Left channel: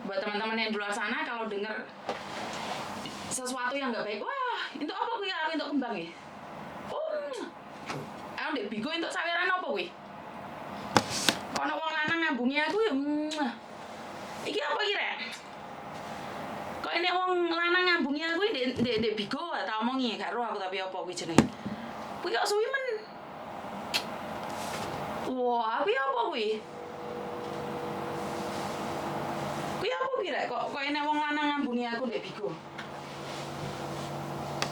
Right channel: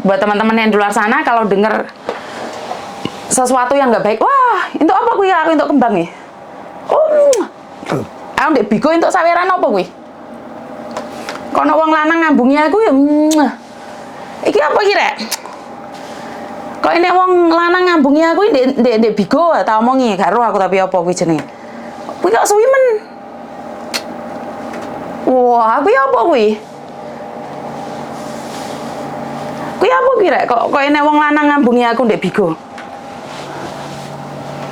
buat teman-teman yang di luar sana kalau dengar sesuatu yang nggak baik, wah, itu apa kuwi? Aku untuk kembang nih. Oh, aku ndek bigo untuk saweran apa kuwi? Kono wong lanang ngambungi aku ya. Iki apa iki rek? Kok ini wong lanang ngambungi aku ndek bigo tak omongi karo aku tapi apa kuwi jenenge? Kuwi kok suwi men. Wah, kuwi apa kuwi? Kuwi apa kuwi rek? Kok ini wong lanang ngambungi aku ndek bigo?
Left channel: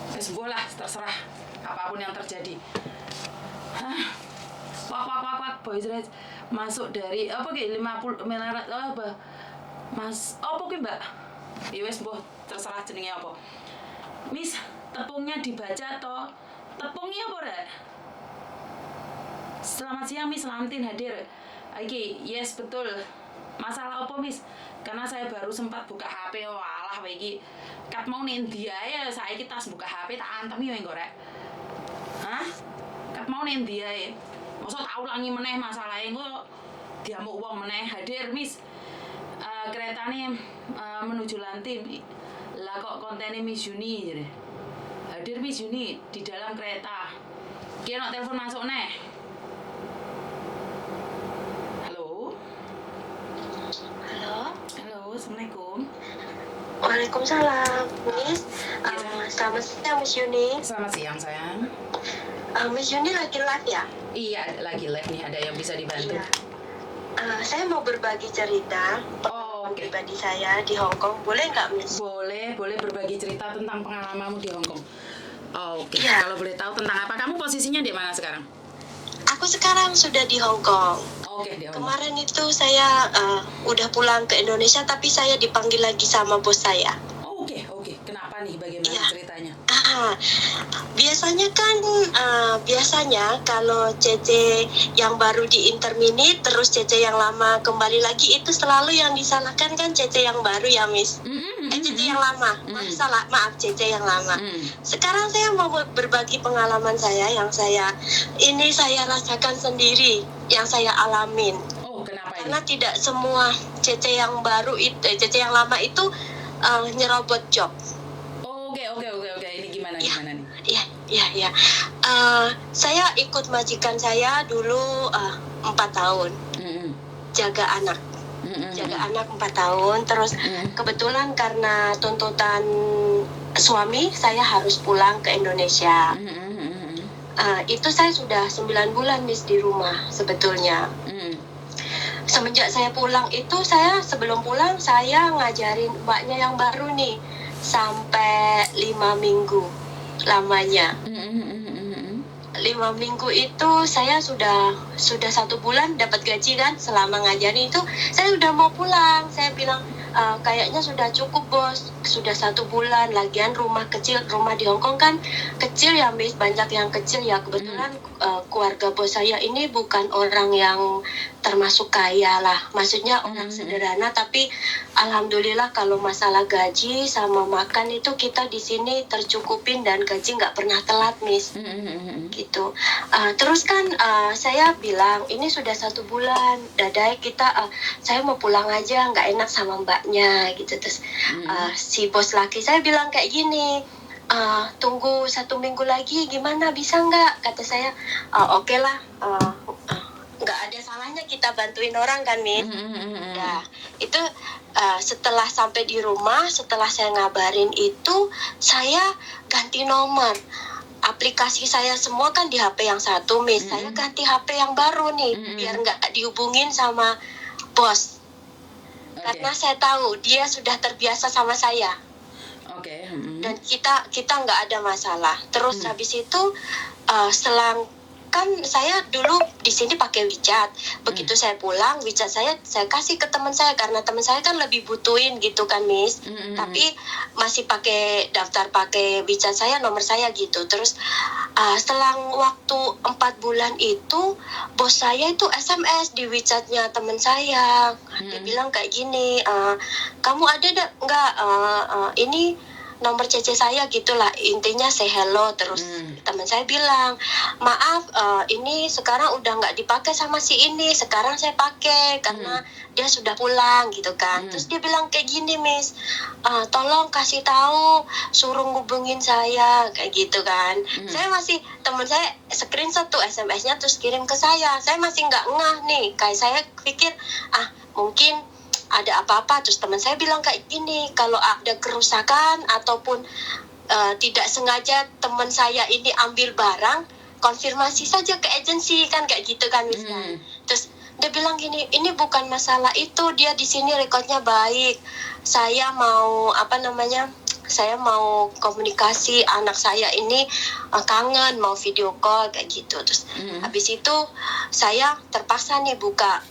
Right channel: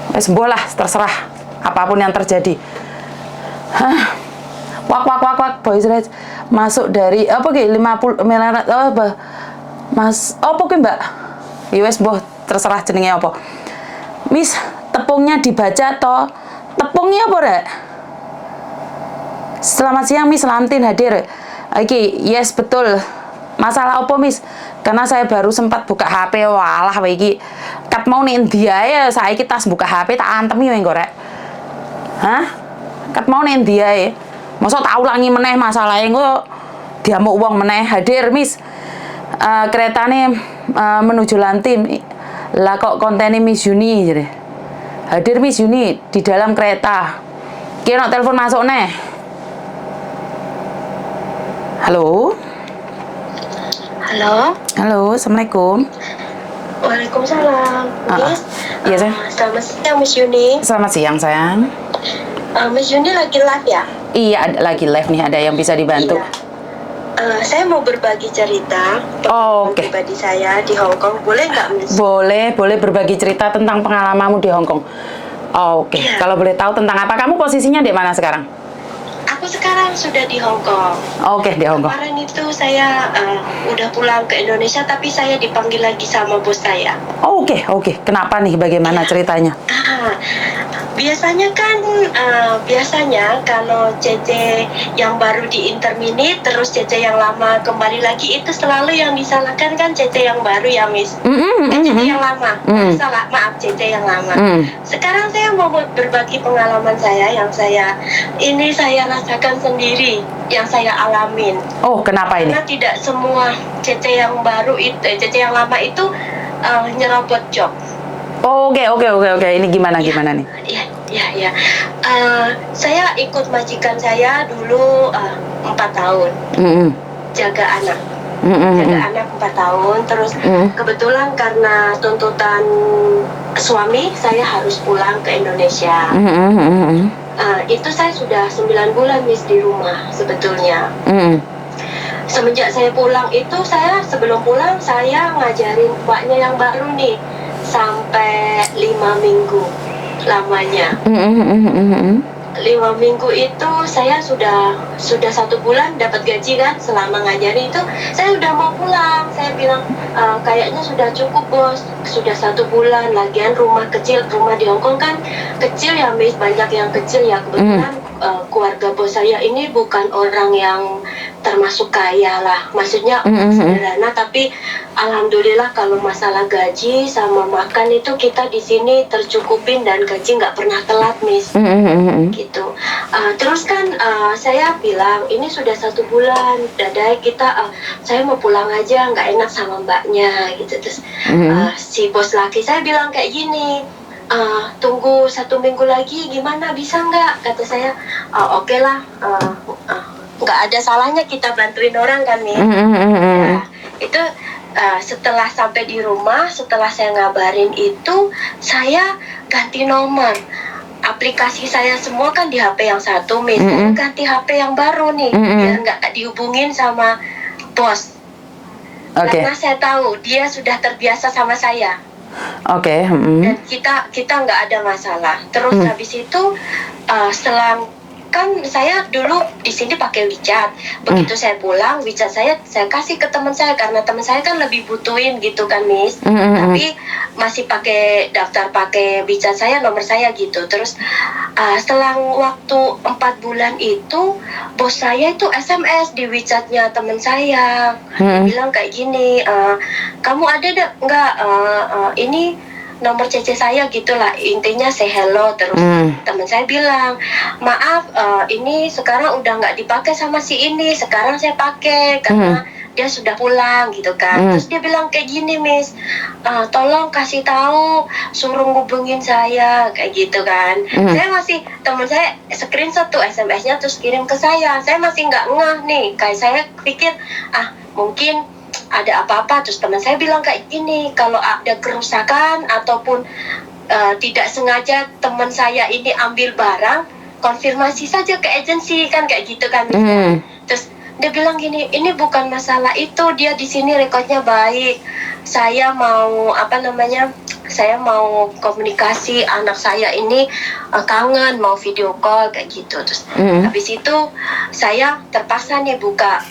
Wes mboh lah, terserah apapun yang terjadi. Hah. Wak boys red masuk dari apa ki 50 miliar apa? Mas, apa ki Mbak? Ya wes mboh terserah jenenge apa. Miss, tepungnya dibaca toh. Tepungnya apa rek? Selamat siang Miss Lamtin hadir. Iki, yes betul. Masalah apa Miss? Karena saya baru sempat buka HP, walah iki. Kat mau nih dia ya, saiki tas buka HP tak antemi yo engko rek. Hah? Kat mau nih dia ya. Masa tak ulangi meneh masalahnya engko diamuk wong meneh hadir Miss. Keretane menuju Lantim. Lah kok kontennya Miss Yuni jadi. Hadir Miss Yuni di dalam kereta. Kira telepon masuk neh. Halo. Halo. Halo, assalamualaikum. Waalaikumsalam. Miss, iya sayang. selamat siang Miss Yuni. Selamat siang sayang. Miss Yuni lagi live ya? Iya, lagi live nih, ada yang bisa dibantu. Iya. Saya mau berbagi cerita Oh, oke. pribadi saya di Hong Kong. Boleh nggak Miss? Boleh berbagi cerita tentang pengalamanmu di Hong Kong. Oh, oke. Iya. Kalau boleh tahu tentang apa? Kamu posisinya di mana sekarang? Aku sekarang sudah di Hong Kong. Oke, di Hong Kong. Kemarin itu saya udah pulang ke Indonesia, tapi saya dipanggil lagi sama bos saya. Oh, oke. Kenapa nih? Bagaimana ceritanya? Biasanya kan kalau CC yang baru di interminate terus CC yang lama kembali lagi, itu selalu yang disalahkan kan CC yang baru ya Miss. CC yang lama. Maaf CC yang lama. Sekarang saya mau berbagi pengalaman saya yang saya rasakan sendiri, yang saya alamin. Oh, kenapa ini? Karena tidak semua CC yang baru itu, CC yang lama itu nyerobot job. Oh, oke. Ini gimana nih? Ya. Saya ikut majikan saya dulu 4 tahun. Jaga anak. Jaga anak 4 tahun. Terus kebetulan karena tuntutan suami, saya harus pulang ke Indonesia. Itu saya sudah 9 bulan Miss di rumah sebetulnya. Semenjak saya pulang itu, sebelum pulang saya ngajarin mbaknya yang baru nih sampai 5 minggu lamanya. 5 minggu itu saya sudah 1 bulan dapat gaji kan. Selama ngajarin itu saya udah mau pulang. Saya bilang kayaknya sudah cukup bos, sudah 1 bulan. Lagian rumah di Hong Kong kan kecil ya Miss, banyak yang kecil ya. Kebetulan keluarga bos saya ini bukan orang yang termasuk kaya lah, maksudnya orang sederhana, tapi alhamdulillah kalau masalah gaji sama makan itu kita di sini tercukupin dan gaji nggak pernah telat Miss. Gitu. Terus kan saya bilang ini sudah 1 bulan, dadai saya mau pulang aja, nggak enak sama mbaknya gitu. Terus si bos laki saya bilang kayak gini, tunggu 1 minggu lagi gimana, bisa nggak? Kata saya, oke lah, nggak ada salahnya kita bantuin orang kan Min. Nah, itu setelah sampai di rumah, setelah saya ngabarin itu, saya ganti nomor. Aplikasi saya semua kan di HP yang satu Miss. Saya ganti HP yang baru nih, biar nggak dihubungin sama bos. Karena saya tahu dia sudah terbiasa sama saya. Dan kita nggak ada masalah. Terus habis itu selang kan saya dulu di sini pakai WeChat. Begitu saya pulang, WeChat saya kasih ke teman saya karena teman saya kan lebih butuhin gitu kan Miss. Tapi masih daftar pakai WeChat saya, nomor saya gitu. Terus selang waktu 4 bulan itu bos saya itu SMS di WeChatnya teman saya. Bilang kayak gini, kamu ada nggak ini nomor CC saya gitulah, intinya say hello. Terus teman saya bilang, maaf ini sekarang udah nggak dipakai sama si ini, sekarang saya pakai karena dia sudah pulang gitu kan. Terus dia bilang kayak gini, Miss, tolong kasih tahu, suruh ngubungin saya kayak gitu kan. Saya masih, teman saya screenshot tuh SMS-nya terus kirim ke saya masih nggak ngeh nih, kayak saya pikir mungkin ada apa-apa. Terus teman saya bilang kayak gini, kalau ada kerusakan ataupun tidak sengaja teman saya ini ambil barang, konfirmasi saja ke agensi kan, kayak gitu kan. Terus dia bilang gini, ini bukan masalah itu, dia di sini rekodnya baik, saya mau saya mau komunikasi, anak saya ini kangen, mau video call kayak gitu. Terus habis itu saya terpaksa nih buka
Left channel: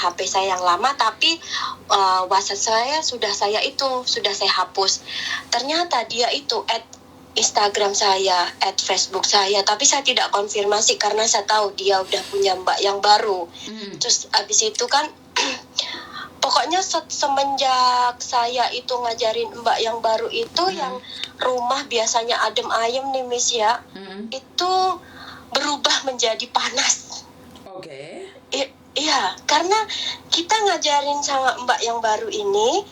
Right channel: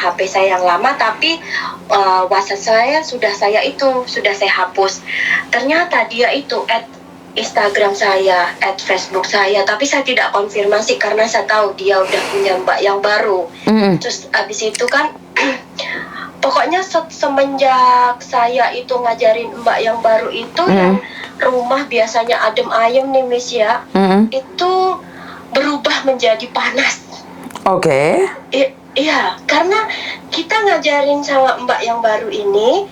HP saya yang lama, tapi WhatsApp saya sudah saya hapus. Ternyata dia itu Instagram saya, Facebook saya, tapi saya tidak konfirmasi karena saya tahu dia udah punya mbak yang baru. Terus abis itu kan, pokoknya semenjak saya itu ngajarin mbak yang baru itu, yang rumah biasanya adem ayem nih, Miss ya, itu berubah menjadi panas. Oke. Iya, karena kita ngajarin sama mbak yang baru ini,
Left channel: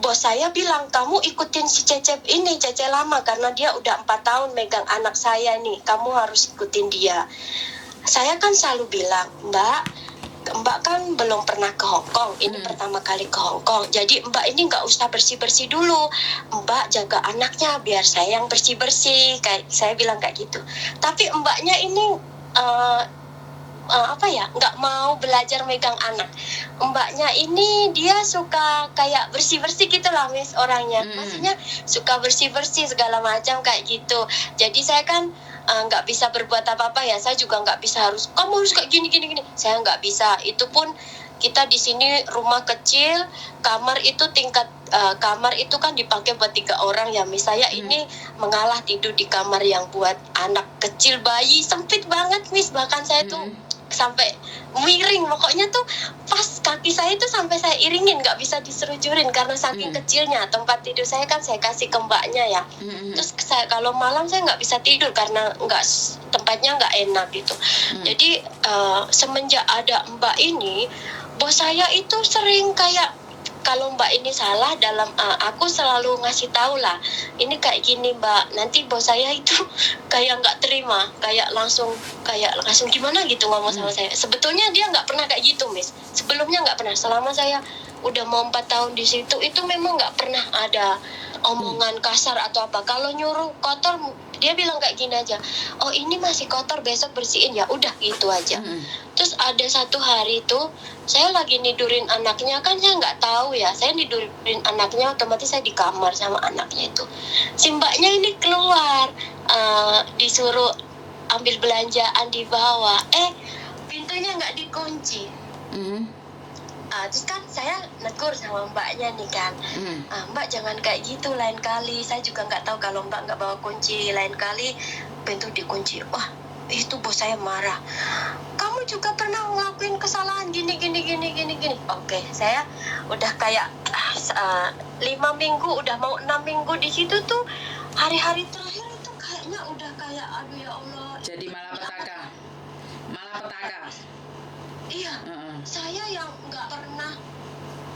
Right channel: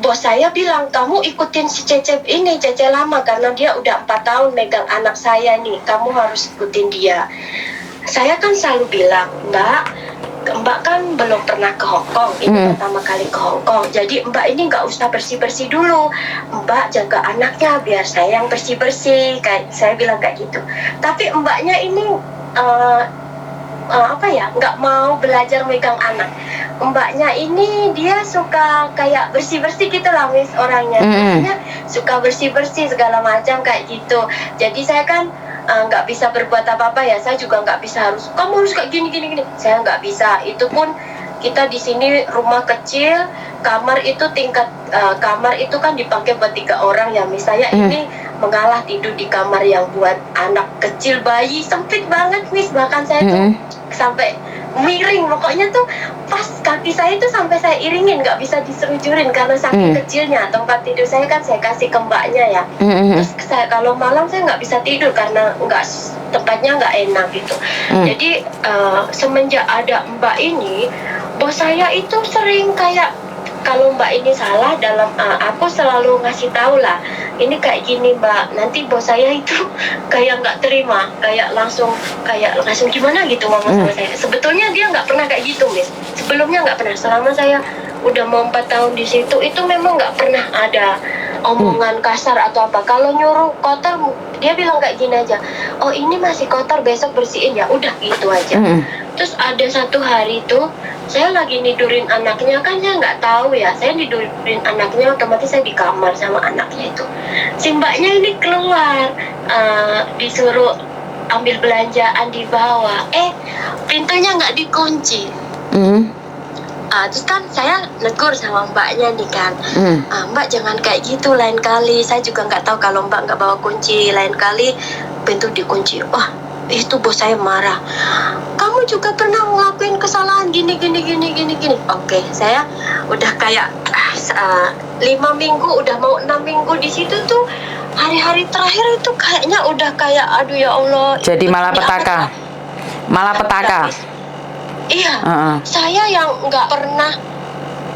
bos saya bilang, kamu ikutin si Cece ini, Cece lama, karena dia udah 4 tahun megang anak saya nih, kamu harus ikutin dia. Saya kan selalu bilang, Mbak kan belum pernah ke Hong Kong, ini pertama kali ke Hong Kong, jadi Mbak ini nggak usah bersih-bersih dulu, Mbak jaga anaknya biar saya yang bersih-bersih, kayak saya bilang kayak gitu. Tapi mbaknya ini nggak mau belajar megang anak. Mbaknya ini dia suka kayak bersih-bersih gitu lah, Miss, orangnya. Maksudnya suka bersih-bersih segala macam kayak gitu. Jadi saya kan nggak bisa berbuat apa-apa ya. Saya juga nggak bisa kamu harus kayak gini. Saya nggak bisa. Itu pun kita di sini rumah kecil, kamar itu kamar itu kan dipakai buat 3 orang ya, Miss. Saya ini mengalah tidur di kamar yang buat anak kecil, bayi, sempit banget, Miss. Bahkan saya tuh sampai miring, pokoknya tuh pas kaki saya tuh sampai saya iringin, nggak bisa diselujurin karena saking kecilnya. Tempat tidur saya kan saya kasih ke mbaknya ya. Terus saya kalau malam saya nggak bisa tidur karena tempatnya nggak enak gitu. Jadi semenjak ada mbak ini, bos saya itu sering kayak, kalau mbak ini salah dalam aku selalu ngasih tahu lah, ini kayak gini mbak, nanti bos saya itu kayak nggak terima, kayak langsung gimana gitu ngomong sama saya. Sebetulnya dia nggak pernah kayak gitu, Miss. Sebelumnya nggak pernah, selama saya udah mau 4 tahun di situ, itu memang nggak pernah ada omongan kasar atau apa. Kalau nyuruh kotor, dia bilang kayak gini aja, oh ini masih kotor, besok bersihin ya, udah gitu aja. Terus ada satu hari itu saya lagi nidurin anaknya, kan saya nggak tahu ya, saya nidurin anaknya, otomatis saya di kamar sama anaknya itu. Si mbaknya ini keluar, disuruh ambil belanjaan di bawah, pintunya nggak dikunci. Terus kan saya negur sama mbaknya nih kan, mbak jangan kayak gitu, lain kali, saya juga nggak tahu kalau mbak nggak bawa kunci, lain kali pintu dikunci. Wah, itu bos saya marah, kamu juga pernah ngelakuin kesalahan gini. Oke, saya udah kayak 5 minggu, udah mau 6 minggu di situ tuh, hari-hari terakhir itu kayaknya udah kayak aduh ya Allah. Jadi malah petaka. Iya, saya yang nggak pernah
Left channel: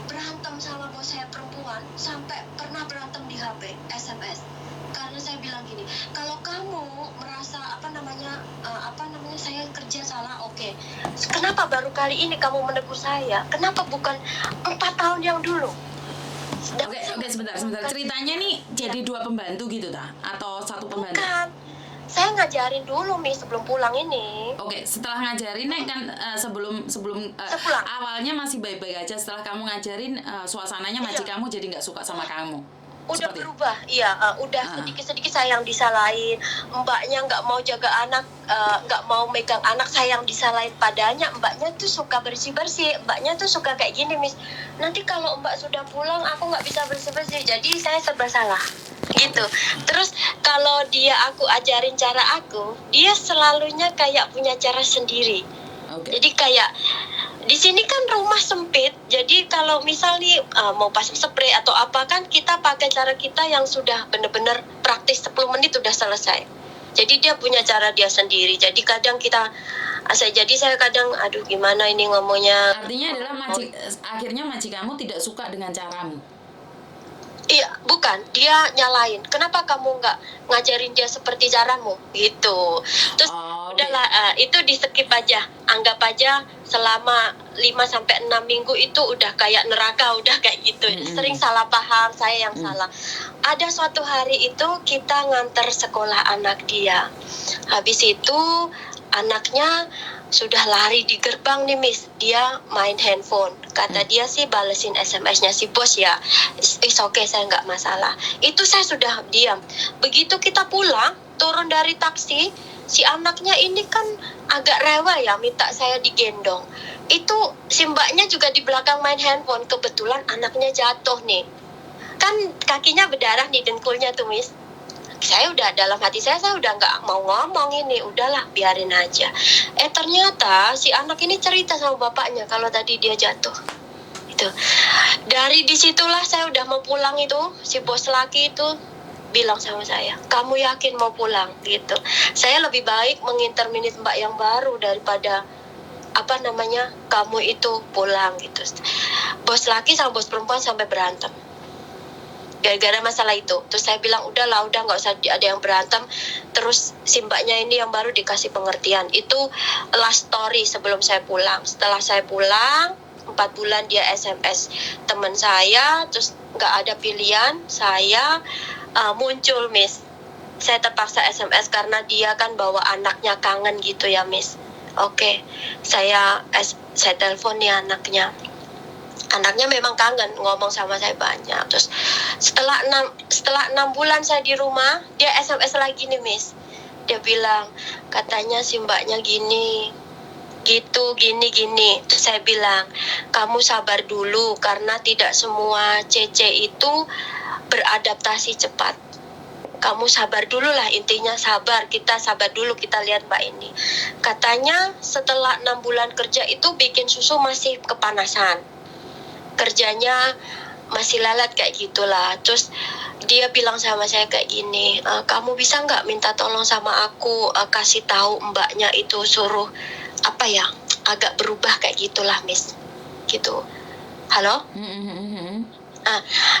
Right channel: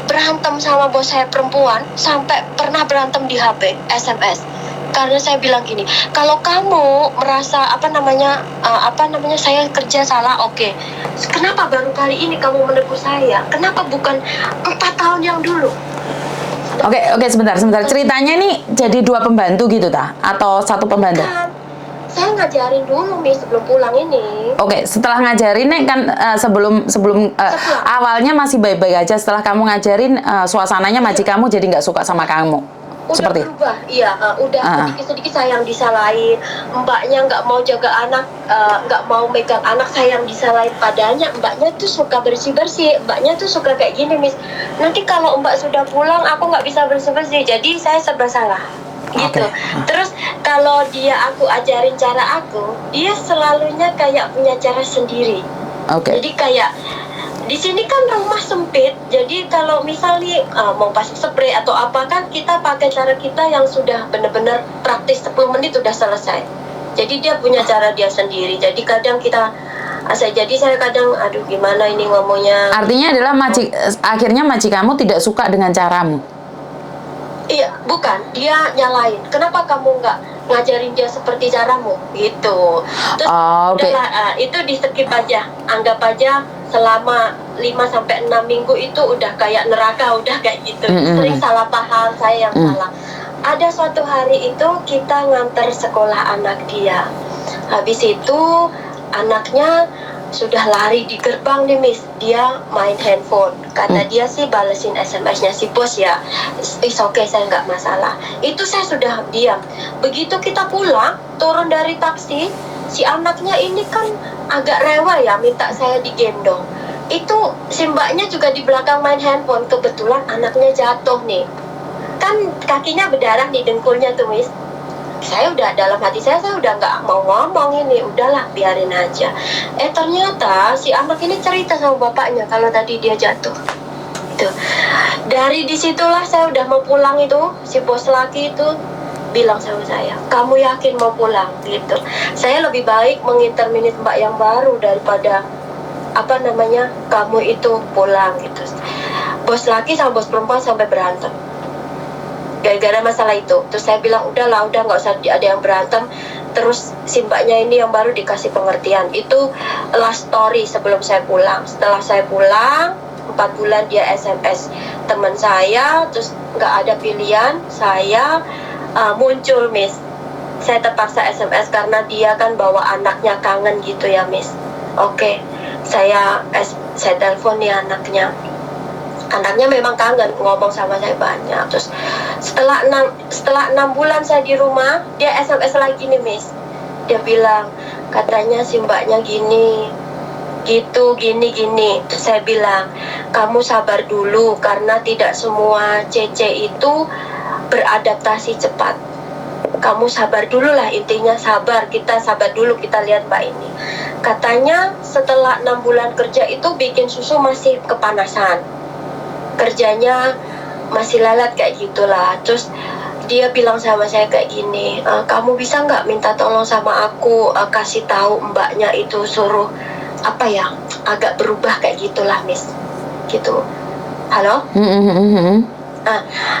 berantem sama bos saya perempuan, sampai pernah berantem di HP, SMS. Karena saya bilang gini, kalau kamu merasa saya kerja salah, oke. Kenapa baru kali ini kamu menegur saya? Kenapa bukan 4 tahun yang dulu? Oke, sebentar. Ceritanya nih jadi 2 pembantu gitu atau 1 pembantu? Bukan. Saya ngajarin dulu, Miss, sebelum pulang ini. Oke, setelah ngajarin nih kan sebelum awalnya masih baik-baik aja. Setelah kamu ngajarin, suasananya majikanmu jadi nggak suka sama kamu. Udah seperti berubah, iya. Sedikit-sedikit saya yang disalahin. Mbaknya nggak mau jaga anak, nggak mau megang anak, saya yang disalahin. Padanya mbaknya tuh suka bersih-bersih. Mbaknya tuh suka kayak gini, Miss, nanti kalau mbak sudah pulang aku nggak bisa bersih-bersih, jadi saya serba salah gitu. Terus kalau aku ajarin cara aku, dia selalunya kayak punya cara sendiri. Jadi kayak Di sini kan rumah sempit, jadi kalau misalnya mau pasang spray atau apa kan kita pakai cara kita yang sudah benar-benar praktis 10 menit sudah selesai. Jadi dia punya cara dia sendiri. Jadi kadang saya kadang aduh gimana ini ngomongnya. Artinya adalah akhirnya majikanmu tidak suka dengan caramu. Iya, bukan. Dia nyalain. Kenapa kamu nggak ngajarin dia seperti caramu? Gitu. Terus Okay. itu di skip aja. Anggap aja selama 5-6 minggu itu udah kayak neraka, udah kayak gitu. Sering salah paham, saya yang salah. Ada suatu hari itu kita nganter sekolah anak dia. Habis itu anaknya sudah lari di gerbang nih Miss, dia main handphone. Kata dia sih balesin SMS-nya si bos ya. Is okay, saya nggak masalah. Itu saya sudah diam. Begitu kita pulang, turun dari taksi, si anaknya ini kan agak rewel ya, minta saya digendong. Itu si mbaknya juga di belakang main handphone. Kebetulan anaknya jatuh nih. Kan kakinya berdarah di dengkulnya tuh Miss. Saya udah dalam hati saya udah nggak mau ngomong ini, udahlah biarin aja. Ternyata si anak ini cerita sama bapaknya kalau tadi dia jatuh. Itu dari disitulah saya udah mau pulang itu, si bos laki itu bilang sama saya, kamu yakin mau pulang gitu. Saya lebih baik menginterminate mbak yang baru daripada kamu itu pulang gitu. Bos laki sama bos perempuan sampai berantem gara-gara masalah itu. Terus saya bilang udah nggak usah ada yang berantem. Terus si mbaknya ini yang baru dikasih pengertian. Itu last story sebelum saya pulang. Setelah saya pulang 4 bulan dia SMS teman saya, terus nggak ada pilihan, saya muncul Miss. Saya terpaksa SMS karena dia kan bawa anaknya kangen gitu ya Miss. Oke, saya telepon nih anaknya memang kangen, ngomong sama saya banyak. Terus setelah 6 bulan saya di rumah, dia SMS lagi nih Miss. Dia bilang katanya si mbaknya gini gitu, gini. Terus saya bilang kamu sabar dulu karena tidak semua CC itu beradaptasi cepat. Kamu sabar dulu lah, intinya sabar, kita sabar dulu, kita lihat mbak ini. Katanya setelah 6 bulan kerja itu bikin susu masih kepanasan, kerjanya masih lalat kayak gitulah. Terus dia bilang sama saya kayak gini, kamu bisa nggak minta tolong sama aku, kasih tahu mbaknya itu suruh agak berubah kayak gitulah Miss, gitu. Halo?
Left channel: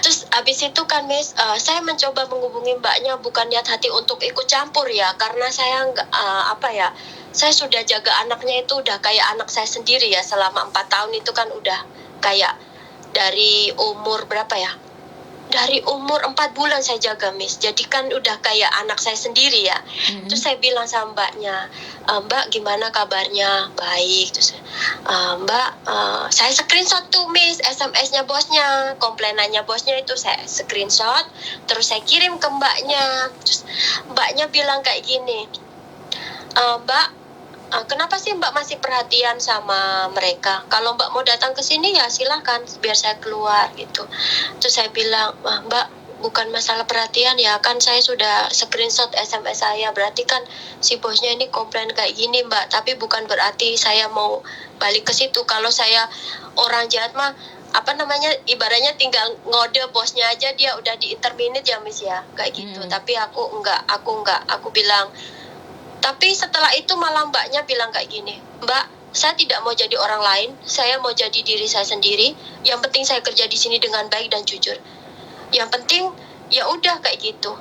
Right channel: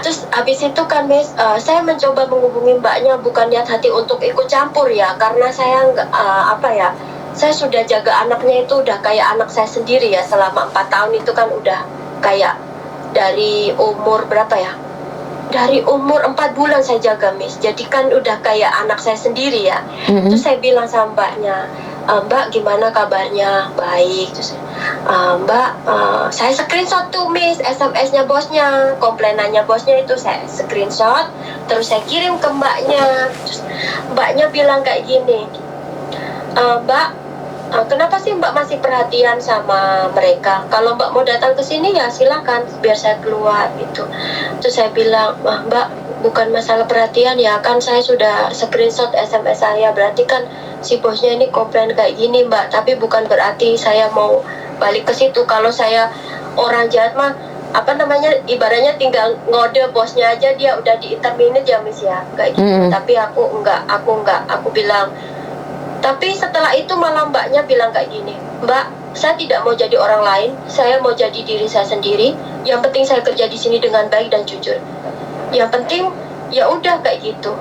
Terus habis itu kan Miss, saya mencoba menghubungi mbaknya, bukan niat hati untuk ikut campur ya, karena saya nggak saya sudah jaga anaknya itu udah kayak anak saya sendiri ya. Selama 4 tahun itu kan udah kayak dari umur berapa ya? Dari umur 4 bulan saya jaga Miss. Jadi kan udah kayak anak saya sendiri ya. Terus saya bilang sama mbaknya, Mbak gimana kabarnya? Baik. Terus Mbak, saya screenshot tuh Miss SMS-nya bosnya, komplainannya bosnya itu saya screenshot, terus saya kirim ke mbaknya. Terus mbaknya bilang kayak gini, Mbak, kenapa sih Mbak masih perhatian sama mereka? Kalau Mbak mau datang ke sini ya silakan, biar saya keluar gitu. Terus saya bilang, Mbak bukan masalah perhatian ya, kan saya sudah screenshot SMS saya, berarti kan si bosnya ini komplain kayak gini Mbak, tapi bukan berarti saya mau balik ke situ. Kalau saya orang jahat mah ibaratnya tinggal ngode bosnya aja, dia udah di-terminate ya Miss ya, kayak gitu. Tapi aku enggak, aku bilang. Tapi setelah itu malah mbaknya bilang kayak gini, Mbak, saya tidak mau jadi orang lain, saya mau jadi diri saya sendiri. Yang penting saya kerja di sini dengan baik dan jujur. Yang penting ya udah kayak gitu.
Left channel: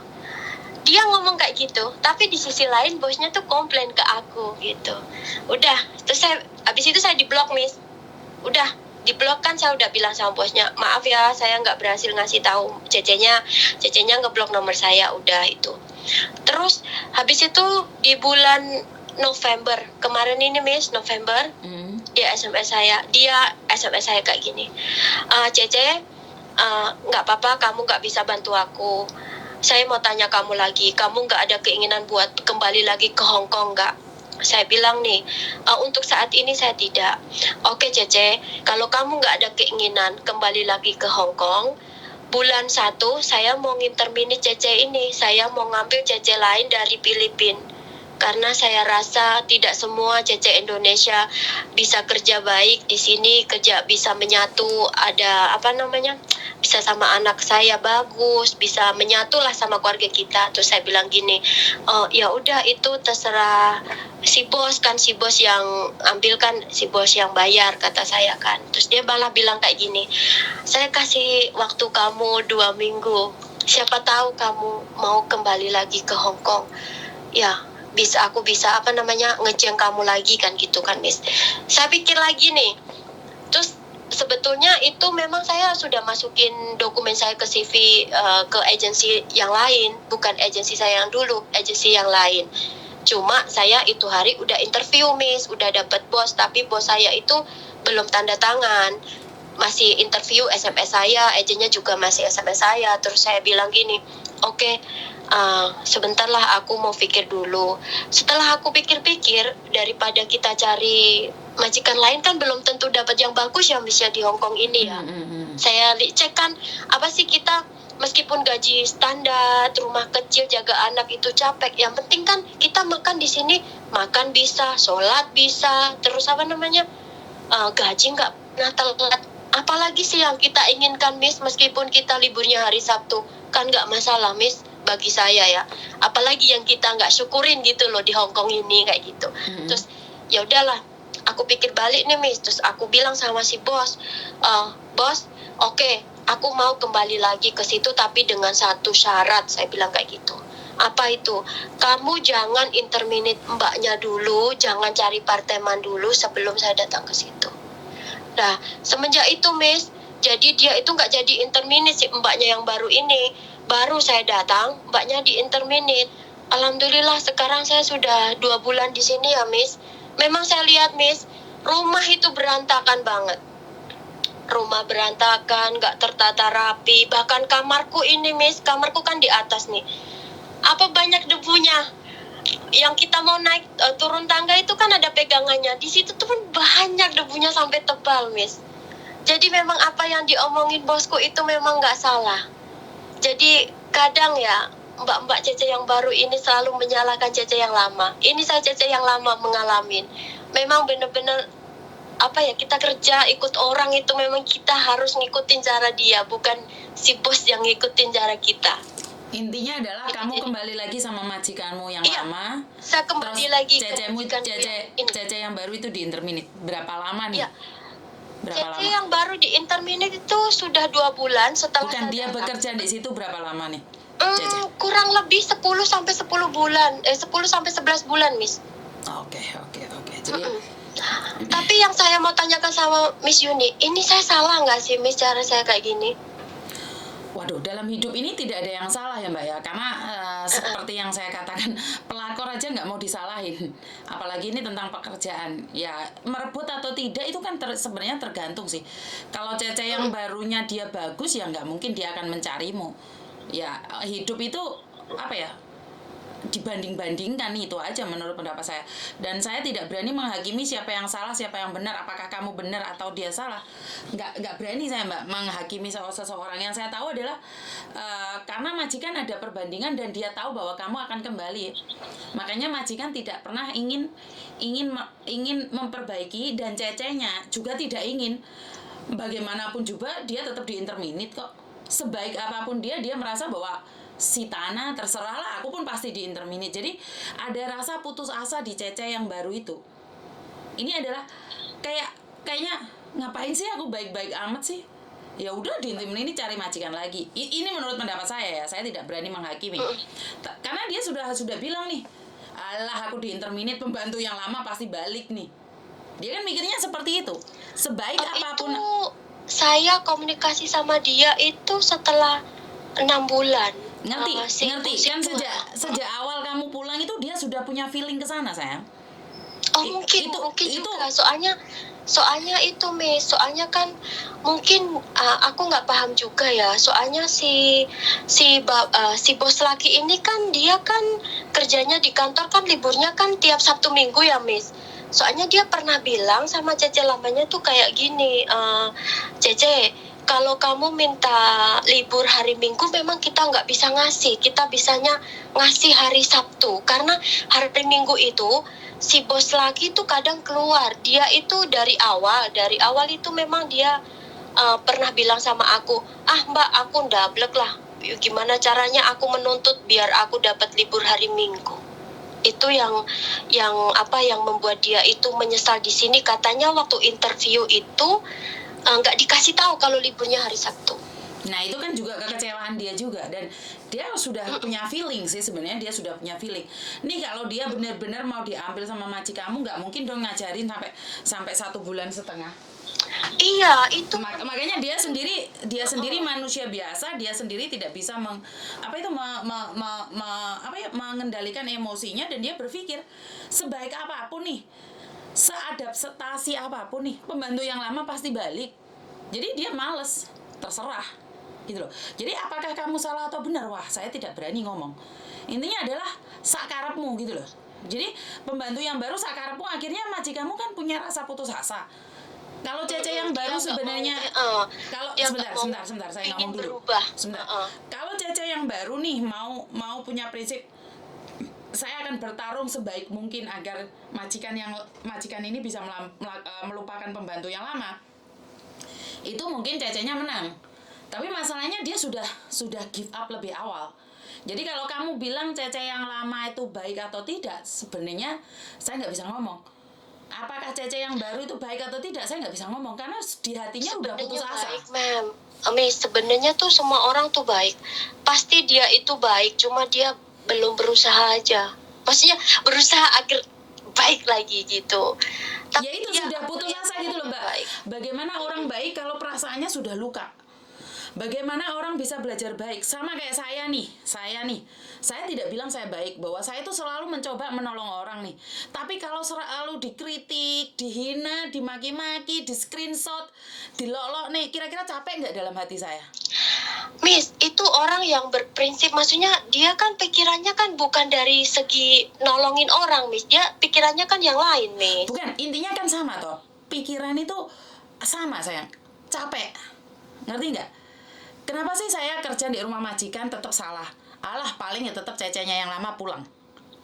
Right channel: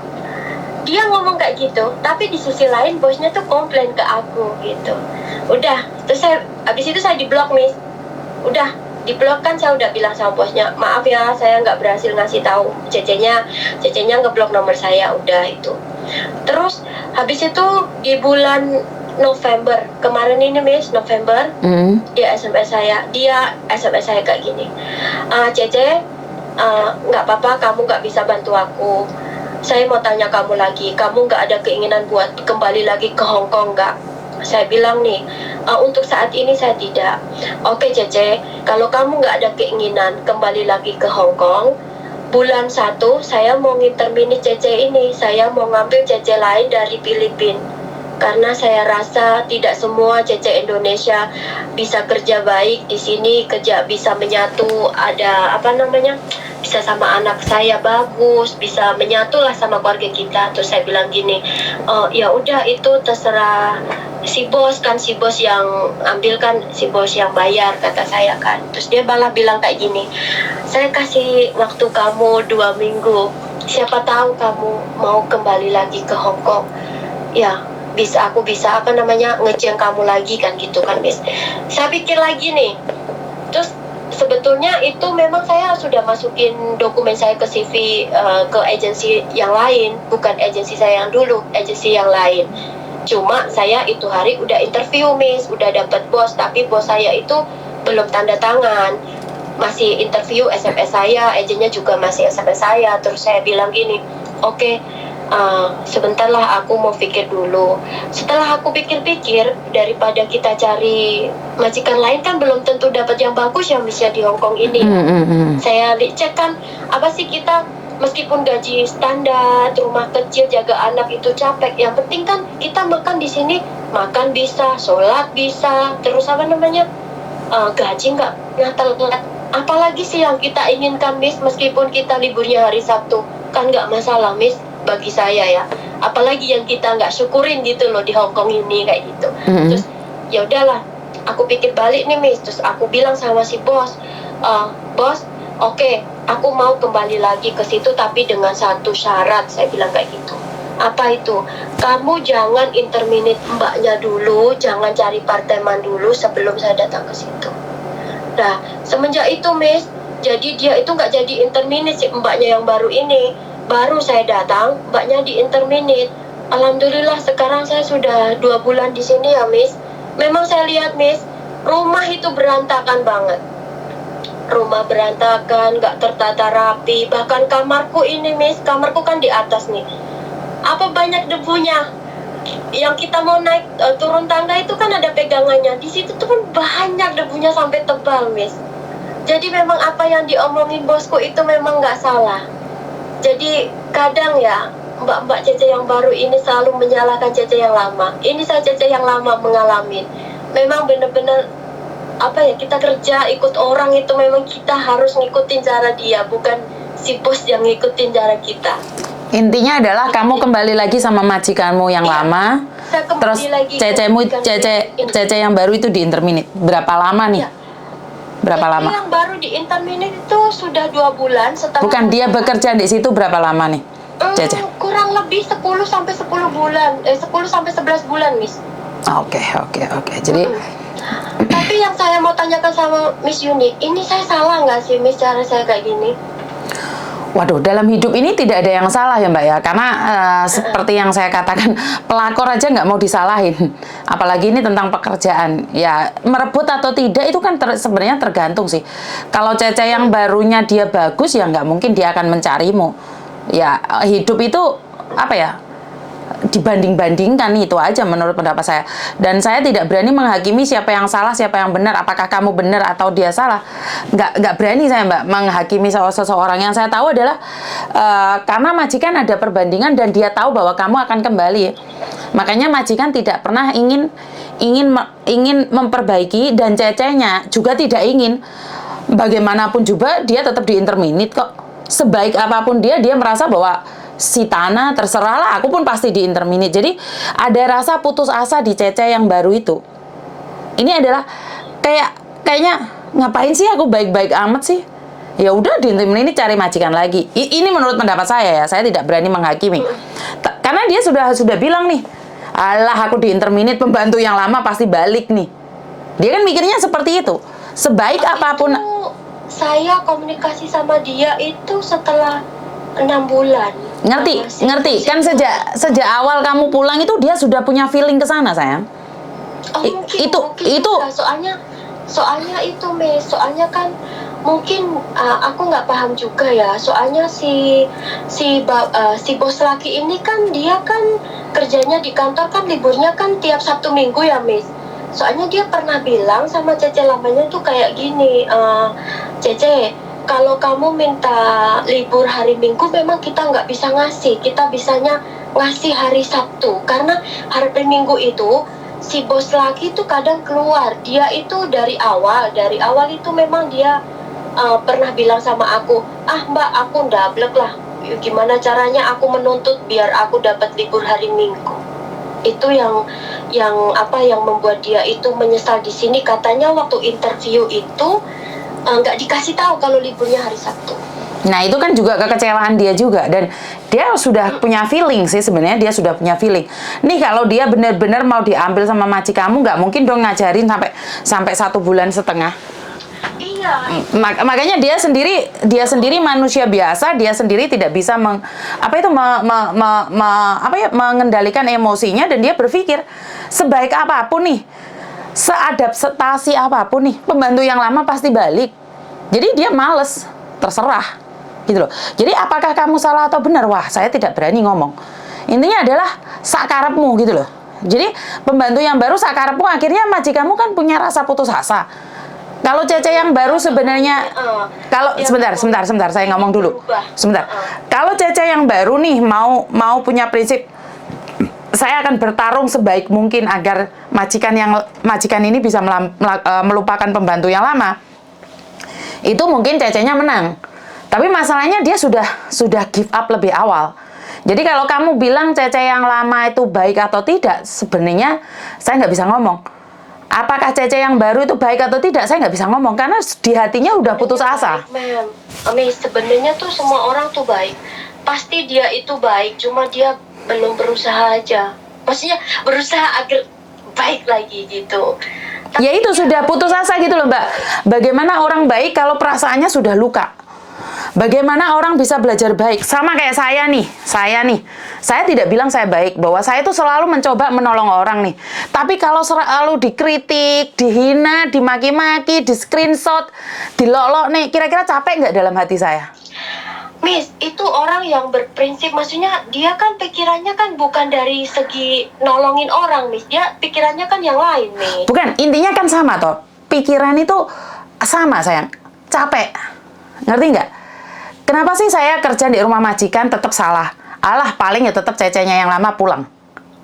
Dia ngomong kayak gitu, tapi di sisi lain bosnya tuh komplain ke aku gitu. Udah, terus habis itu saya diblok Miss. Udah diblok kan, saya udah bilang sama bosnya, maaf ya saya nggak berhasil ngasih tahu CC-nya ngeblok nomor saya, udah itu. Terus habis itu di bulan November kemarin ini Miss, November, dia SMS saya kayak gini, Cece, nggak apa-apa kamu nggak bisa bantu aku, saya mau tanya kamu lagi, kamu nggak ada keinginan buat kembali lagi ke Hong Kong nggak? Saya bilang nih, untuk saat ini saya tidak. Oke Cece, kalau kamu nggak ada keinginan kembali lagi ke Hong Kong, bulan 1 saya mau nginterminate Cece ini, saya mau ngambil Cece lain dari Filipina. karena saya rasa tidak semua Cece Indonesia bisa kerja baik di sini, kerja bisa menyatu, ada apa namanya, bisa sama anak saya bagus, bisa menyatu lah sama keluarga kita. Terus saya bilang gini, oh ya udah itu terserah si bos kan, si bos yang ambil kan, si bos yang bayar, kata saya kan. Terus dia malah bilang kayak gini, saya kasih waktu kamu 2 minggu, siapa tahu kamu mau kembali lagi ke Hong Kong, ya aku bisa apa namanya ngeceng kamu lagi kan, gitu kan Miss. Saya pikir lagi nih, terus sebetulnya itu memang saya sudah masukin dokumen saya ke CV ke agensi yang lain, bukan agensi saya yang dulu, agensi yang lain. Cuma saya itu hari udah interview Miss, udah dapat bos, tapi bos saya itu belum tanda tangan, masih interview SMS saya, agennya juga masih SMS saya. Terus saya bilang gini, oke, sebentar lah, aku mau pikir dulu. Setelah aku pikir-pikir, daripada kita cari majikan lain kan belum tentu dapat yang bagus yang bisa di Hong Kong ini. Saya cek kan, apa sih kita, meskipun gaji standar, rumah kecil, jaga anak itu capek, yang penting kan kita makan di sini, makan bisa, sholat bisa, terus apa namanya, gaji nggak telat. Apalagi sih yang kita inginkan Miss, meskipun kita liburnya hari Sabtu kan nggak masalah Miss, bagi saya ya. Apalagi yang kita nggak syukurin gitu loh di Hong Kong ini kayak gitu. Terus ya udahlah, aku pikir balik nih Miss. Terus aku bilang sama si bos, bos, oke, aku mau kembali lagi ke situ tapi dengan satu syarat. Saya bilang kayak gitu. Apa itu? Kamu jangan interminate mbaknya dulu, jangan cari parteman dulu sebelum saya datang ke situ. Nah, semenjak itu Miss, jadi dia itu nggak jadi interminate si mbaknya yang baru ini. Baru saya datang, mbaknya di interminate. Alhamdulillah sekarang saya sudah 2 bulan di sini ya Miss. Memang saya lihat Miss, rumah itu berantakan banget. Rumah berantakan, nggak tertata rapi. Bahkan kamarku ini Miss, kamarku kan di atas nih. Apa banyak debunya? Yang kita mau naik turun tangga itu kan ada pegangannya. Di situ tuh kan banyak debunya sampai tebal Miss. Jadi memang apa yang diomongin bosku itu memang nggak salah. Jadi kadang ya mbak-mbak Cece yang baru ini selalu menyalahkan Cece yang lama. Ini saya Cece yang lama mengalami. Memang benar-benar apa ya, kita kerja ikut orang itu memang kita harus ngikutin cara dia, bukan si bos yang ngikutin cara kita. Intinya adalah kamu kembali lagi sama majikanmu yang lama. Saya terus lagi Cece yang baru itu di interminate. Berapa lama nih? Berapa lama? Yang baru di interminate itu sudah 2 bulan setelah. Bukan, dia bekerja di situ berapa lama nih? Cece? Kurang lebih 10 sampai 10 bulan. 10 sampai 11 bulan, Miss. Oke. Jadi tapi yang saya mau tanyakan sama Miss Yuni, ini saya salah nggak sih Miss cara saya kayak gini? Waduh, dalam hidup ini tidak ada yang salah ya Mbak ya, karena seperti yang saya katakan, pelakor aja nggak mau disalahin, apalagi ini tentang pekerjaan. Ya merebut atau tidak itu kan sebenarnya tergantung sih. Kalau Cece yang barunya dia bagus ya nggak mungkin dia akan mencarimu. Ya hidup itu apa ya? Dibanding-bandingkan, itu aja menurut pendapat saya. Dan saya tidak berani menghakimi siapa yang salah, siapa yang benar, apakah kamu benar atau dia salah. Nggak berani saya Mbak menghakimi seseorang. Yang saya tahu adalah karena majikan ada perbandingan dan dia tahu bahwa kamu akan kembali. Makanya majikan tidak pernah ingin memperbaiki, dan Cecenya juga tidak ingin. Bagaimanapun juga dia tetap di interminate kok. Sebaik apapun dia merasa bahwa si Tanah terserahlah, aku pun pasti di interminate. Jadi ada rasa putus asa di Cece yang baru itu. Ini adalah kayaknya ngapain sih aku baik-baik amat sih? Ya udah di interminate cari majikan lagi. Ini menurut pendapat saya ya. Saya tidak berani menghakimi. Karena dia sudah bilang nih, alah aku di interminate, pembantu yang lama pasti balik nih. Dia kan mikirnya seperti itu. Sebaik apapun. Saya komunikasi sama dia itu setelah 6 bulan. Ngerti. Kan sejak awal kamu pulang itu dia sudah punya feeling ke sana, sayang. Mungkin itu soalnya itu Miss, soalnya kan mungkin aku nggak paham juga ya. Soalnya si bos laki ini kan dia kan kerjanya di kantor kan liburnya kan tiap Sabtu Minggu ya Miss. Soalnya dia pernah bilang sama Cece lamanya tuh kayak gini, Cece, kalau kamu minta libur hari Minggu memang kita nggak bisa ngasih, kita bisanya ngasih hari Sabtu, karena hari Minggu itu si bos lagi tuh kadang keluar, dia itu dari awal itu memang dia pernah bilang sama aku, mbak aku ndablek lah, gimana caranya aku menuntut biar aku dapat libur hari Minggu. Itu yang membuat dia itu menyesal di sini, katanya waktu interview itu nggak dikasih tahu kalau liburnya hari Sabtu. Nah itu kan juga kekecewaan dia juga, dan dia sudah punya feeling sih sebenarnya, dia sudah punya feeling. Nih kalau dia benar-benar mau diambil sama majikanmu, nggak mungkin dong ngajarin sampai 1 bulan setengah. Iya. Makanya dia sendiri manusia biasa, dia sendiri tidak bisa mengendalikan emosinya, dan dia berpikir sebaik apapun nih, seadaptasi apapun nih, pembantu yang lama pasti balik. Jadi dia males, terserah gitu loh. Jadi apakah kamu salah atau benar? Wah, saya tidak berani ngomong. Intinya adalah sakarepmu gitu loh. Jadi pembantu yang baru sakarepmu, akhirnya majikanmu kan punya rasa putus asa. Kalau Cece yang baru sebenarnya, sebentar saya ngomong dulu. Sebentar. Kalau Cece yang baru nih mau punya prinsip, saya akan bertarung sebaik mungkin agar majikan ini bisa melupakan pembantu yang lama. Itu mungkin Cecenya menang. Tapi masalahnya dia sudah give up lebih awal. Jadi kalau kamu bilang Cece yang lama itu baik atau tidak, sebenarnya saya nggak bisa ngomong. Apakah Cece yang baru itu baik atau tidak, saya nggak bisa ngomong, karena di hatinya udah putus asa. Sebenarnya tuh semua orang tuh baik. Pasti dia itu baik, cuma dia belum berusaha aja. Maksudnya berusaha agar baik lagi gitu. Ya itu sudah putus asa gitu loh, Mbak. Bagaimana orang baik kalau perasaannya sudah luka? Bagaimana orang bisa belajar baik? Sama kayak saya nih. Saya tidak bilang saya baik, bahwa saya itu selalu mencoba menolong orang nih. Tapi kalau selalu dikritik, dihina, dimaki-maki, di screenshot, dilolok nih, kira-kira capek nggak dalam hati saya? Miss, itu orang yang berprinsip, maksudnya dia kan pikirannya kan bukan dari segi nolongin orang, Miss. Dia pikirannya kan yang lain, nih. Bukan, intinya kan sama toh. Pikiran itu sama, sayang. Capek. Ngerti nggak? Kenapa sih saya kerja di rumah majikan tetap salah? Alah, paling ya tetap Cecenya yang lama pulang.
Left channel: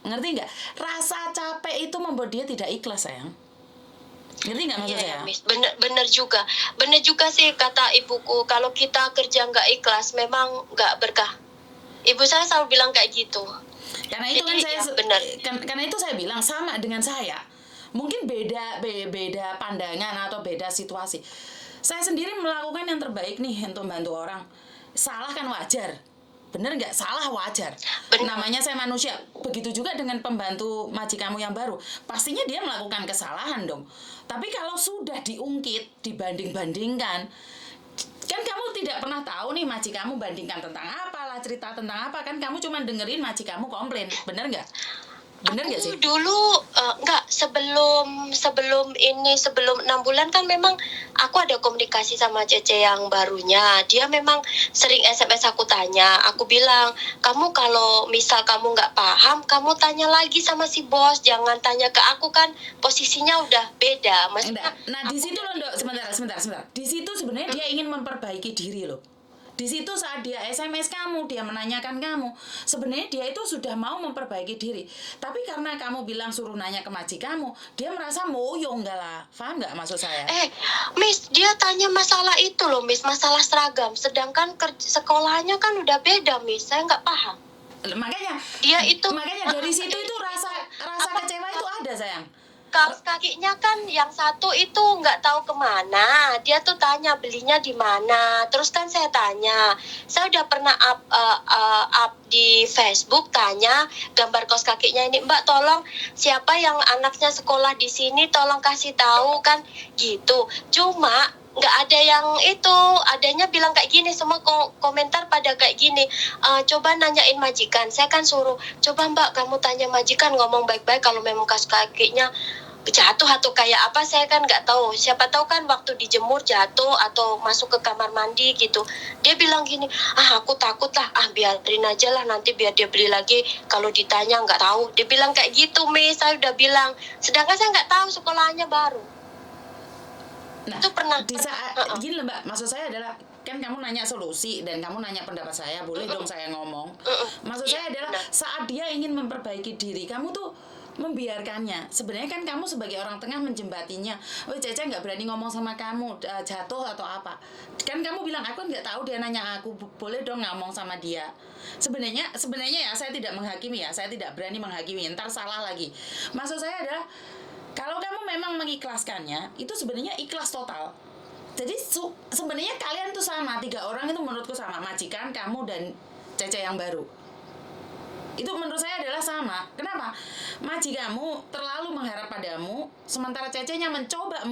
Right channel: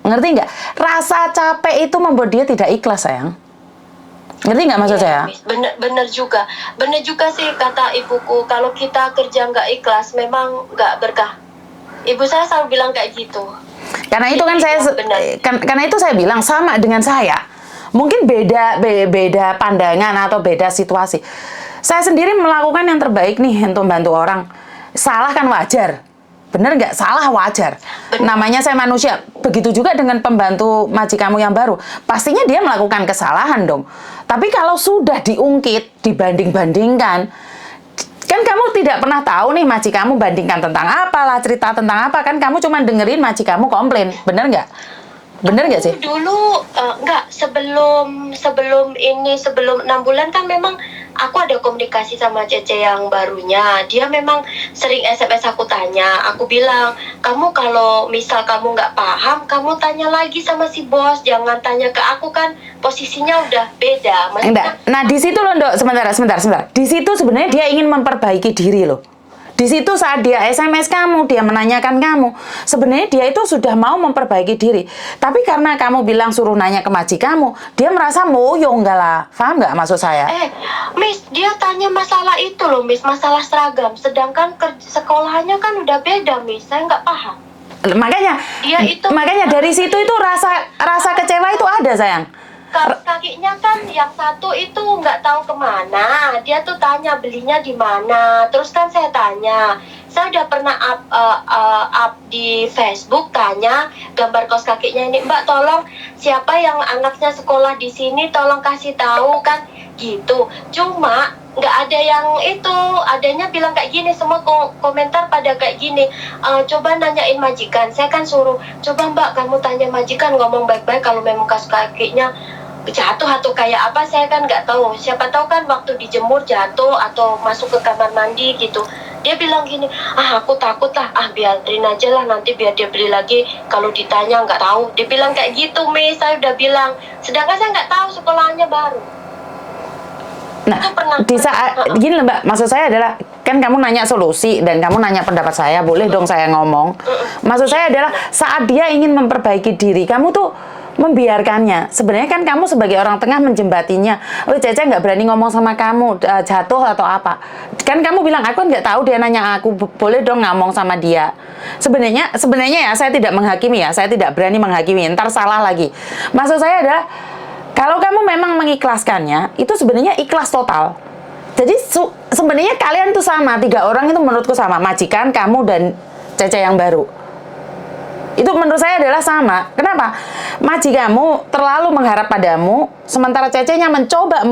Ngerti nggak? Rasa capek itu membuat dia tidak ikhlas, sayang. Ngerti nggak maksud saya? Bener juga sih kata ibuku, kalau kita kerja nggak ikhlas memang nggak berkah. Ibu saya selalu bilang kayak gitu. Karena itu kan karena itu saya bilang sama dengan saya. Mungkin beda pandangan atau beda situasi. Saya sendiri melakukan yang terbaik nih untuk membantu orang. Salah kan wajar. Bener nggak? Salah wajar. Namanya saya manusia. Begitu juga dengan pembantu majikanmu yang baru. Pastinya dia melakukan kesalahan dong. Tapi kalau sudah diungkit, dibanding-bandingkan, kan kamu tidak pernah tahu nih majikanmu bandingkan tentang apalah, cerita tentang apa. Kan kamu cuma dengerin majikanmu komplain. Bener nggak? Bener nggak sih? Dulu sebelum 6 bulan kan memang aku ada komunikasi sama Cece yang barunya. Dia memang sering SMS aku tanya. Aku bilang, kamu kalau misal kamu nggak paham, kamu tanya lagi sama si bos. Jangan tanya ke aku, kan posisinya udah beda. Maksudnya, nah di situ loh, Dok. Sebentar. Di situ sebenarnya dia ingin memperbaiki diri loh. Di situ saat dia SMS kamu, dia menanyakan kamu, sebenarnya dia itu sudah mau memperbaiki diri. Tapi karena kamu bilang suruh nanya ke majikanmu, dia merasa moyo enggak lah. Paham nggak maksud saya? Miss, dia tanya masalah itu loh, Miss, masalah seragam. Sedangkan sekolahnya kan udah beda, Miss. Saya nggak paham. Makanya dari situ itu rasa kecewa itu ada, sayang. Kakinya kan yang satu itu nggak tahu kemana, dia tuh tanya belinya di mana. Terus kan saya tanya, saya udah pernah up di Facebook tanya gambar kaos kakinya ini, Mbak tolong siapa yang anaknya sekolah di sini tolong kasih tahu, kan gitu. Cuma nggak ada yang itu, adanya bilang kayak gini, semua komentar pada kayak gini, coba nanyain majikan. Saya kan suruh, coba Mbak kamu tanya majikan, ngomong baik-baik kalau memang kaos kakinya jatuh atau kayak apa, saya kan nggak tahu. Siapa tahu kan waktu dijemur jatuh atau masuk ke kamar mandi gitu. Dia bilang gini, aku takut lah, biarin aja lah, nanti biar dia beli lagi kalau ditanya nggak tahu. Dia bilang kayak gitu, Miss. Saya udah bilang, sedangkan saya nggak tahu sekolahnya baru. Nah, di saat gini loh, Mbak, maksud saya adalah kan kamu nanya solusi dan kamu nanya pendapat saya, boleh dong saya ngomong. Maksud saya adalah saat dia ingin memperbaiki diri, kamu tuh membiarkannya. Sebenarnya kan kamu sebagai orang tengah menjembatinya. Oh, Cece nggak berani ngomong sama kamu, jatuh atau apa. Kan kamu bilang, aku nggak tahu, dia nanya aku, boleh dong ngomong sama dia. Sebenarnya ya, saya tidak menghakimi ya, saya tidak berani menghakimi, ntar salah lagi. Maksud saya adalah, kalau kamu memang mengikhlaskannya, itu sebenarnya ikhlas total. Jadi sebenarnya kalian tuh sama, 3 orang itu menurutku sama, majikan, kamu, dan Cece yang baru. Itu menurut saya adalah sama. Kenapa? Majikanmu terlalu mengharap padamu, sementara Cecenya mencoba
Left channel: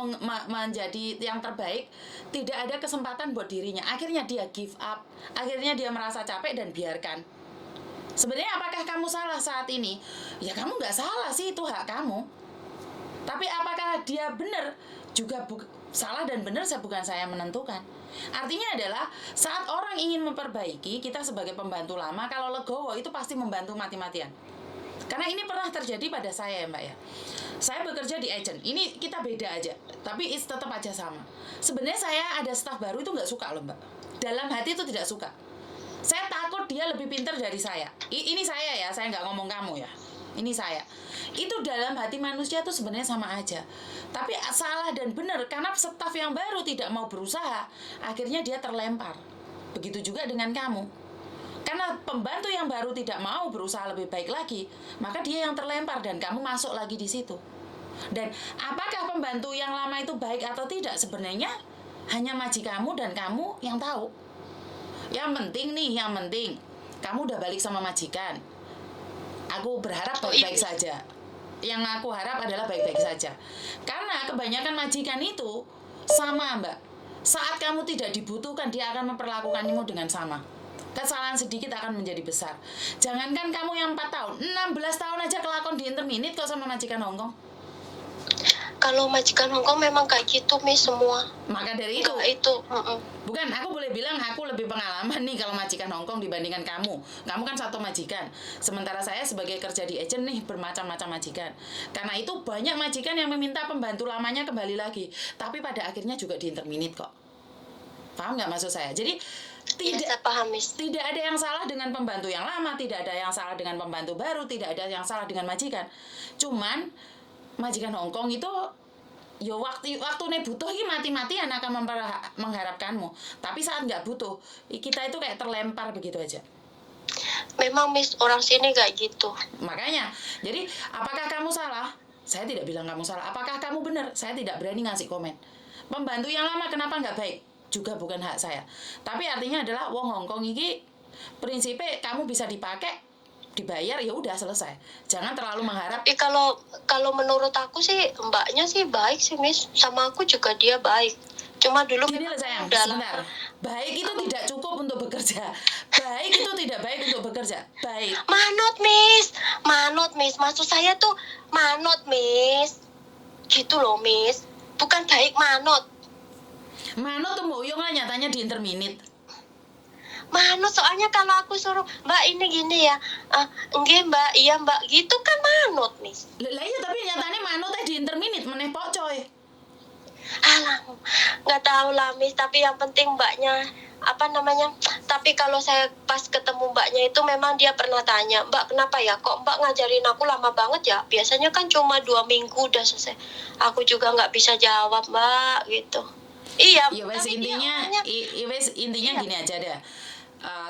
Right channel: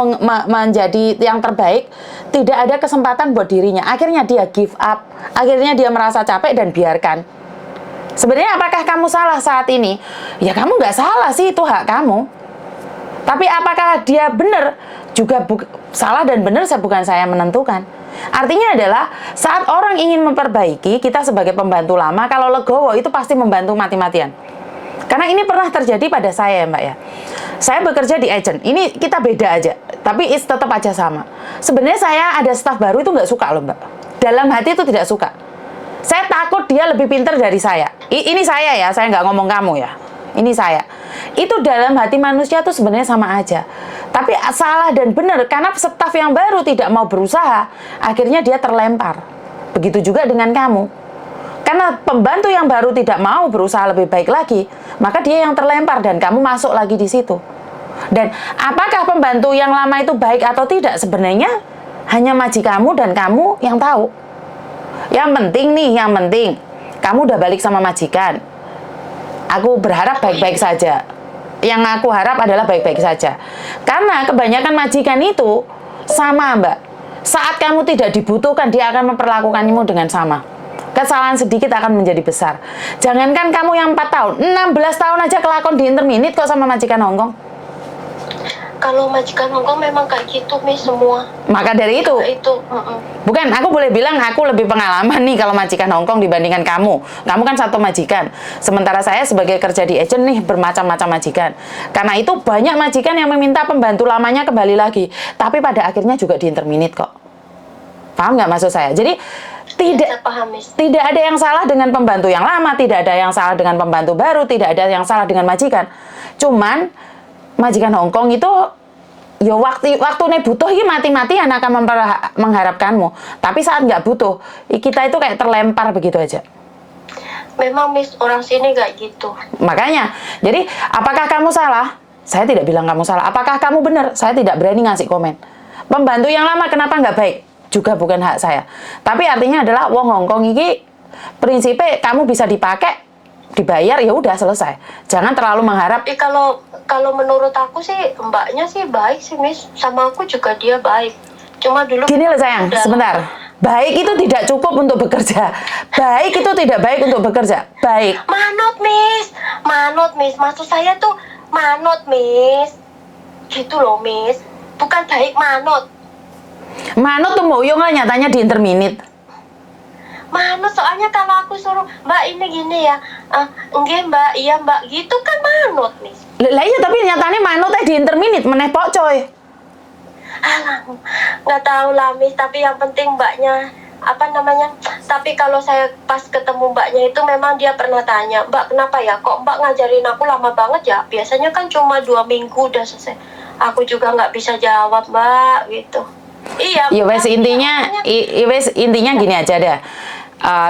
menjadi yang terbaik, tidak ada kesempatan buat dirinya. Akhirnya dia give up, akhirnya dia merasa capek dan biarkan. Sebenarnya apakah kamu salah saat ini? Ya kamu nggak salah sih, itu hak kamu. Tapi apakah dia benar? Juga salah dan benar bukan saya menentukan. Artinya adalah saat orang ingin memperbaiki, kita sebagai pembantu lama, kalau legowo itu pasti membantu mati-matian. Karena ini pernah terjadi pada saya ya Mbak ya. Saya bekerja di agent, ini kita beda aja, tapi tetap aja sama. Sebenarnya saya ada staf baru itu nggak suka loh Mbak. Dalam hati itu tidak suka. Saya takut dia lebih pintar dari saya. Ini saya ya, saya nggak ngomong kamu ya. Ini saya. Itu dalam hati manusia tuh sebenarnya sama aja. Tapi salah dan benar, karena staf yang baru tidak mau berusaha, akhirnya dia terlempar. Begitu juga dengan kamu. Karena pembantu yang baru tidak mau berusaha lebih baik lagi, maka dia yang terlempar dan kamu masuk lagi di situ. Dan apakah pembantu yang lama itu baik atau tidak, sebenarnya hanya majikanmu dan kamu yang tahu. Yang penting, kamu udah balik sama majikan. Aku berharap baik-baik saja. Yang aku harap adalah baik-baik saja. Karena kebanyakan majikan itu sama Mbak. Saat kamu tidak dibutuhkan, dia akan memperlakukanmu dengan sama. Kesalahan sedikit akan menjadi besar. Jangankan kamu yang 4 tahun, 16 tahun aja kelakon di interminit kok sama majikan Hongkong. Kalau majikan Hongkong memang kayak gitu, Miss, semua. Maka dari itu. Bukan, aku boleh bilang aku lebih pengalaman nih kalau majikan Hongkong dibandingkan kamu. Kamu kan satu majikan. Sementara saya sebagai kerja di agent nih bermacam-macam majikan. Karena itu banyak majikan yang meminta pembantu lamanya kembali lagi. Tapi pada akhirnya juga diinterminit kok. Paham nggak maksud saya? Jadi tidak ada yang salah dengan pembantu yang lama, tidak ada yang salah dengan pembantu baru, tidak ada yang salah dengan majikan. Cuman majikan Hongkong itu ya waktunya butuh ini mati-matian akan mengharapkanmu. Tapi saat nggak butuh, kita itu kayak terlempar begitu aja. Memang Miss, orang sini kayak gitu. Makanya, jadi apakah kamu salah? Saya tidak bilang kamu salah. Apakah kamu benar? Saya tidak berani ngasih komen. Pembantu yang lama kenapa nggak baik? Juga bukan hak saya. Tapi artinya adalah wong Hongkong ini prinsipnya kamu bisa dipakai, dibayar, ya udah selesai. Jangan terlalu mengharap. Kalau menurut aku sih mbaknya sih baik sih Miss, sama aku juga dia baik. Cuma dulu gini loh sayang, sebentar. Baik itu tidak cukup untuk bekerja. Baik itu tidak baik untuk bekerja. Baik. Manut Miss. Maksud saya tuh manut Miss. Gitu loh Miss. Bukan baik manut. Manut tuh moyong lah nyatanya di interminit. Manut, soalnya kalau aku suruh Mbak ini gini ya, enggak Mbak, iya Mbak, gitu kan manut nih. Lah iya, tapi nyatanya manut di interminit meneh pok coy. Alah, nggak tahu lah Miss, tapi yang penting Mbaknya tapi kalau saya pas ketemu Mbaknya itu memang dia pernah tanya, Mbak kenapa ya kok Mbak ngajarin aku lama banget ya, biasanya kan cuma 2 minggu udah selesai. Aku juga nggak bisa jawab Mbak gitu. Iya. Ya wes intinya gini aja deh.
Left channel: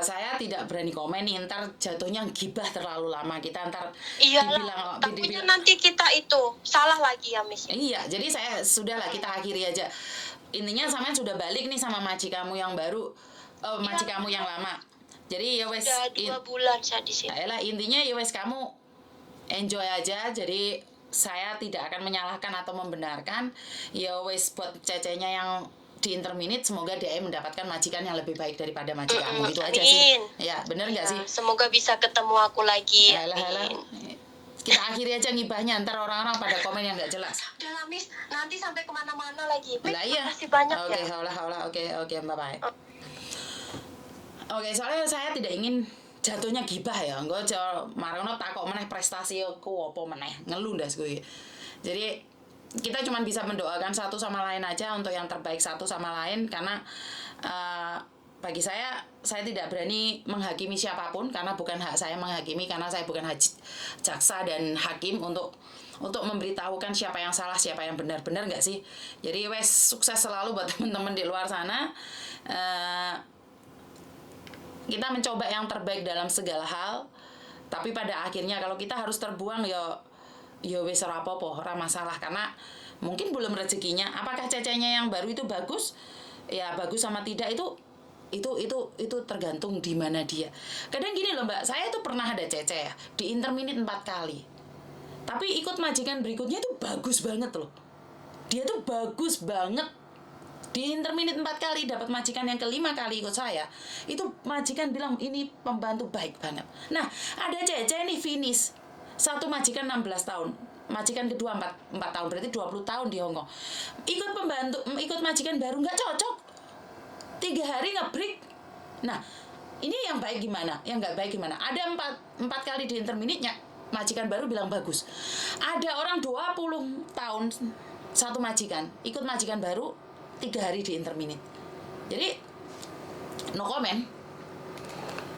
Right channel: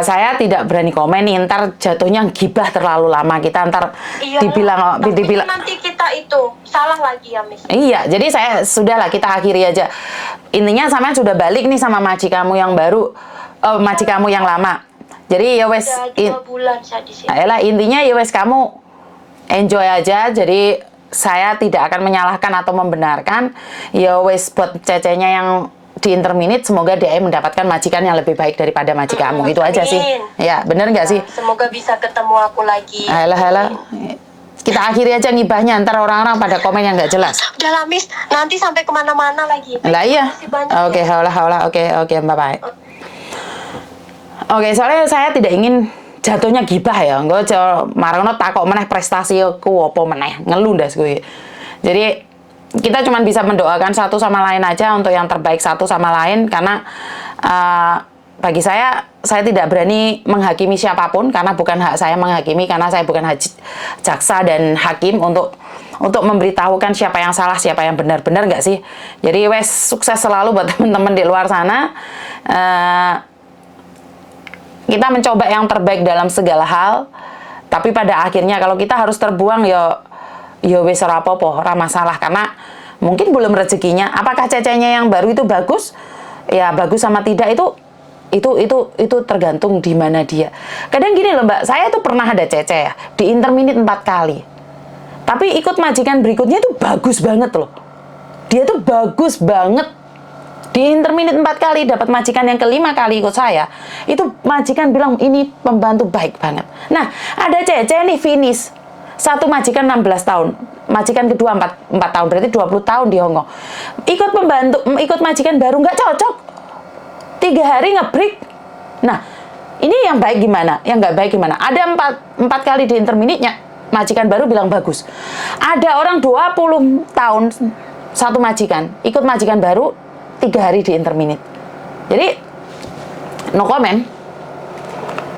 Saya tidak berani komen nih, ntar jatuhnya gibah terlalu lama, kita ntar dibilang nanti kita itu salah lagi ya Miss. Iya, jadi saya sudahlah, kita akhiri aja. Intinya sampean sudah balik nih sama maji kamu yang baru, maji kamu yang lama. Jadi ya wes, 2 bulan saya di sini. Ayolah, intinya ya wes kamu enjoy aja. Jadi saya tidak akan menyalahkan atau membenarkan. Ya wes buat Cecenya yang di interminit, semoga dia mendapatkan majikan yang lebih baik daripada majikanmu. Itu aja sih. Ya, bener nggak sih? Semoga bisa ketemu aku lagi. Alah. Kita akhiri aja ngibahnya, ntar orang-orang pada komen yang nggak jelas. Udah lah Miss, nanti sampai kemana-mana lagi. Lah iya. Oke, bye-bye. Oke, soalnya saya tidak ingin jatuhnya gibah ya. Gue marono takok meneh prestasi ku apa meneh, ngelundas gue. Jadi kita cuma bisa mendoakan satu sama lain aja untuk yang terbaik satu sama lain, karena bagi saya tidak berani menghakimi siapapun karena bukan hak saya menghakimi, karena saya bukan jaksa dan hakim untuk memberitahukan siapa yang salah, siapa yang benar nggak sih. Jadi wes sukses selalu buat teman-teman di luar sana. Kita mencoba yang terbaik dalam segala hal, tapi pada akhirnya kalau kita harus terbuang ya wes ora apa-apa, ora masalah, karena mungkin belum rezekinya. Apakah cecenya yang baru itu bagus? Ya bagus sama tidak itu tergantung di mana dia. Kadang gini loh Mbak, saya tuh pernah ada cece ya di interminit 4 kali. Tapi ikut majikan berikutnya tuh bagus banget loh. Dia tuh bagus banget. Di interminit 4 kali dapat majikan yang kelima kali ikut saya. Itu majikan bilang ini pembantu baik banget. Nah, ada cece nih finish. Satu majikan 16 tahun. Majikan kedua 4 tahun, berarti 20 tahun di Hongkong. Ikut majikan baru nggak cocok. 3 hari nge-break. Nah, ini yang baik gimana? Yang nggak baik gimana? Ada 4 kali di interminitnya, majikan baru bilang bagus. Ada orang 20 tahun, satu majikan, ikut majikan baru, 3 hari di interminit. Jadi, no comment.